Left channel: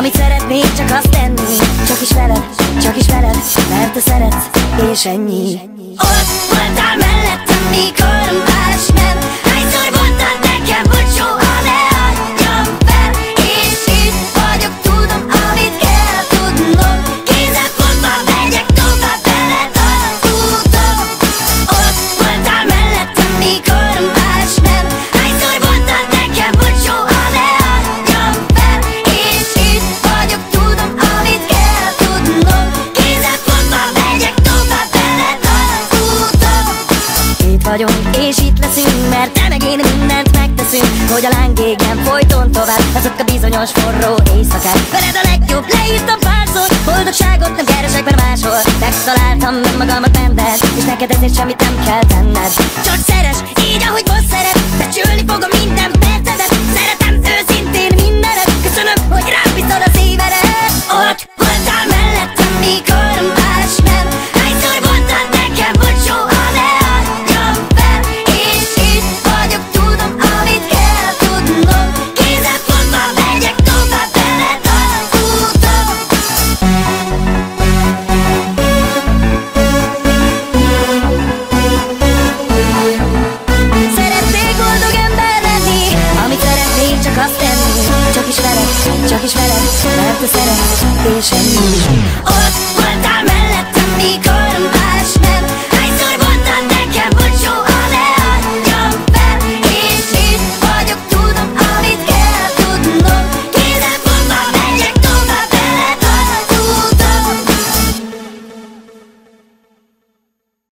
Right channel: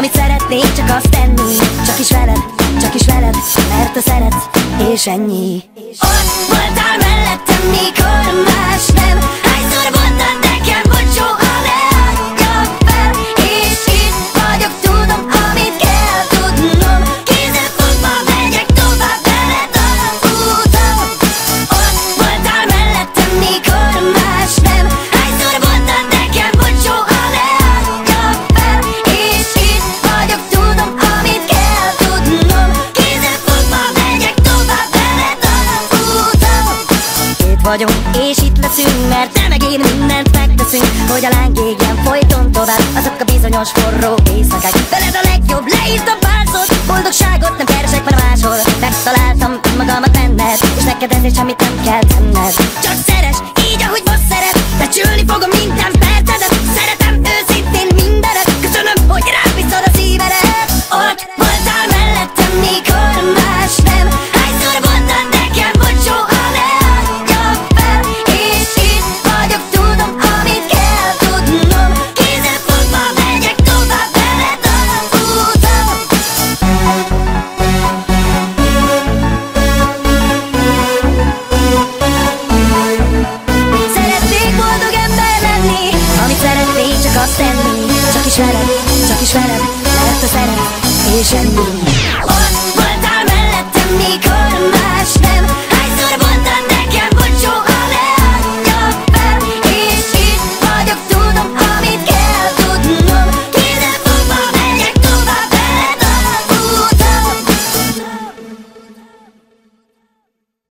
amit szeretnék, csak azt tenni. Csak is veled, mert te szeretsz, és ennyi. Ott voltál mellettem, mikor más nem. Hányszor voltál nekem bocsó, ne adjam fel. És itt vagyok, tudom, amit kell tudnom. Kézzel fogva megyek tovább veled az úton. Ott voltál mellettem, mikor más nem. Hányszor voltál nekem bocsó, ne adjam fel. És itt vagyok, tudom, amit kell tudnom. Kézzel fogva megyek tovább veled az úton. Itt vagyok, és itt leszünk, mert te meg én mindent megteszünk, hogy a láng égjen folyton tovább. Azok a bizonyos forró éjszakák, veled a legjobb, leírtam párszor. Boldogságot nem keresek már máshol. Megtaláltam magamat benned, és neked ezért semmit nem kell tenned. Csak szeres, így ahogy most szeret. Becsülni fogom minden percedet. Szeretem őszintén mindenet. Köszönöm, hogy rám viszod a szívedet. Ott voltál mellettem, mikor más nem. Hányszor voltál nekem bocsó, ne adjam fel. És itt vagyok, tudom, amit kell tudnom. Kézzel fogva megyek tovább veled az úton. Szeretnék boldog ember lenni, amit szeretnék, csak azt tenni. Csak is veled, mert te szeretsz, és ennyi.